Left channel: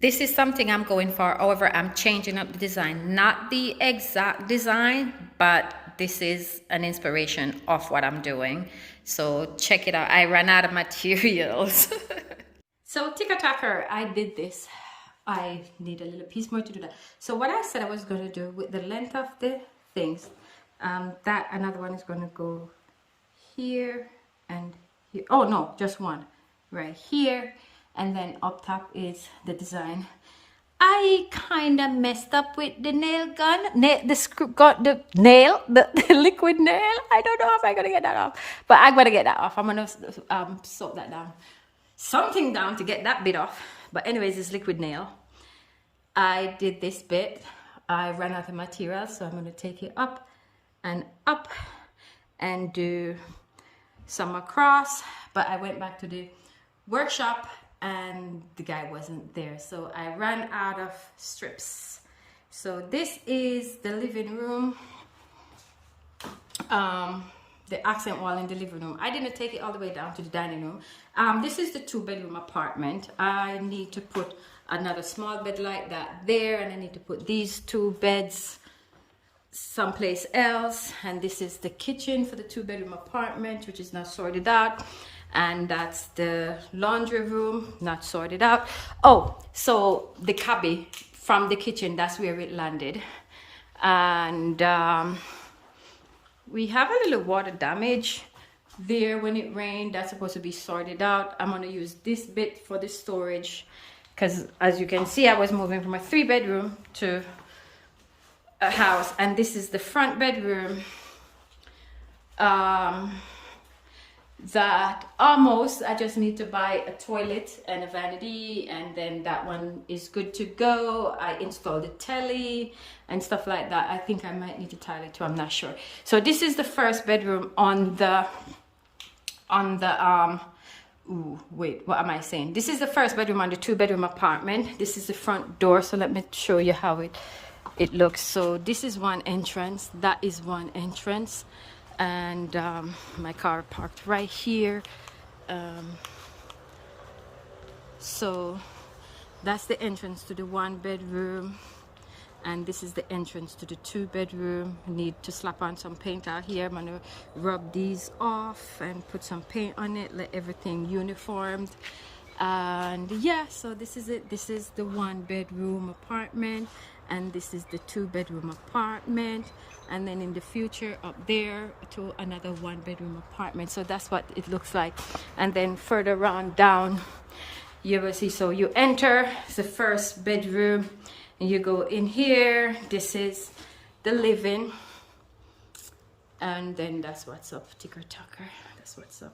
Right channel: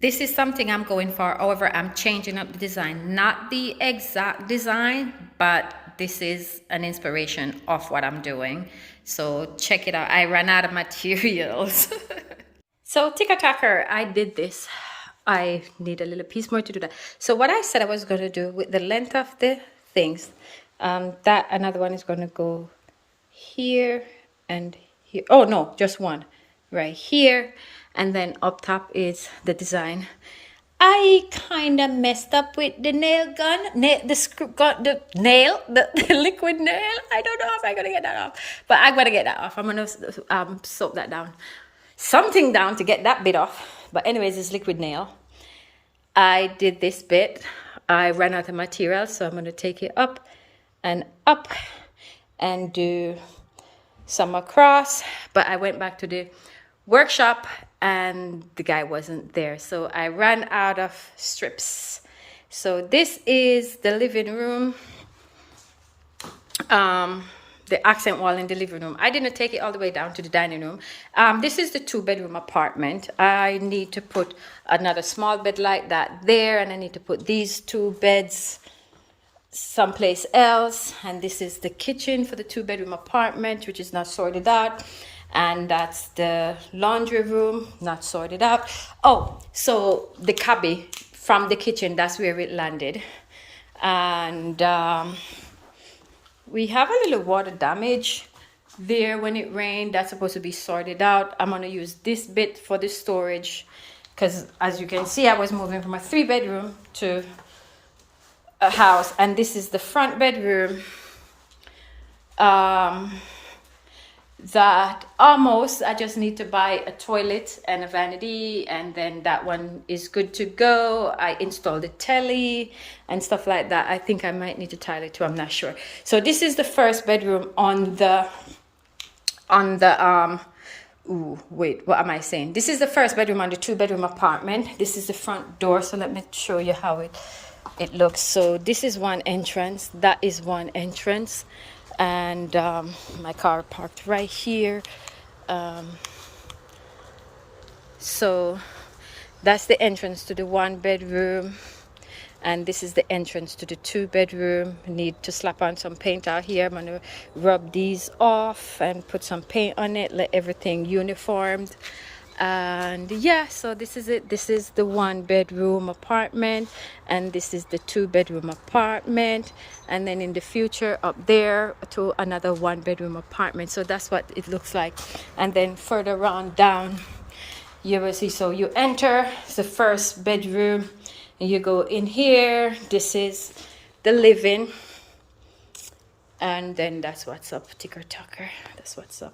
This is something I'm going for. However, I'm changing up the design. Not the exact design, but this is an inspiration of what I'm doing. So check it out. I ran out of materials. So ticker-tacker, I did this. I need a little piece more to do that. So what I said I was going to do with the length of the things, that another one is going to go here and here. Oh no, just one right here, and then up top is the design. I kind of messed up with the nail gun, the nail, the liquid nail. I don't know if I'm gonna get that off, but I'm gonna get that off. I'm gonna soak that down, something down to get that bit off. But anyways, it's liquid nail. I did this bit. I ran out of material, so I'm gonna take it up and do some across. But I went back to the workshop and the guy wasn't there, so I ran out of strips. So this is the living room, the accent wall in the living room. I didn't take it all the way down to the dining room. This is the 2-bedroom apartment. I need to put another small bed like that there, and I need to put these 2 beds someplace else. And this is the kitchen for the 2-bedroom apartment, which is not sorted out. And that's the laundry room, not sorted out. Oh, so the cubby from the kitchen, that's where it landed. And we have a little water damage there when it rained. That's supposed to be sorted out. I'm going to use this bit for the storage, because as you can see, I was moving from a 3-bedroom to a house. And this is the front bedroom. That almost, I just need to buy a toilet and a vanity, and then that one is good to go. I installed the telly and stuff like that. I think I might need to tile it too, I'm not sure. So this is the first bedroom on the ooh, wait, what am I saying? This is the first bedroom on the 2-bedroom apartment. This is the front door, so let me show you how it looks. So this is one entrance, that is one entrance, and my car parked right here. So that's the entrance to the 1-bedroom, and this is the entrance to the 2-bedroom. Need to slap on some paint out here. I'm gonna rub these off and put some paint on it, let everything uniformed. And yeah, so this is it. This is the 1-bedroom apartment, and this is the 2-bedroom apartment, and then in the future up there to another 1-bedroom apartment. So that's what it looks like. And then further on down you will see, so you enter the first bedroom and you go in here. This is the living, and then that's what's up, ticker-tacker. That's what's up.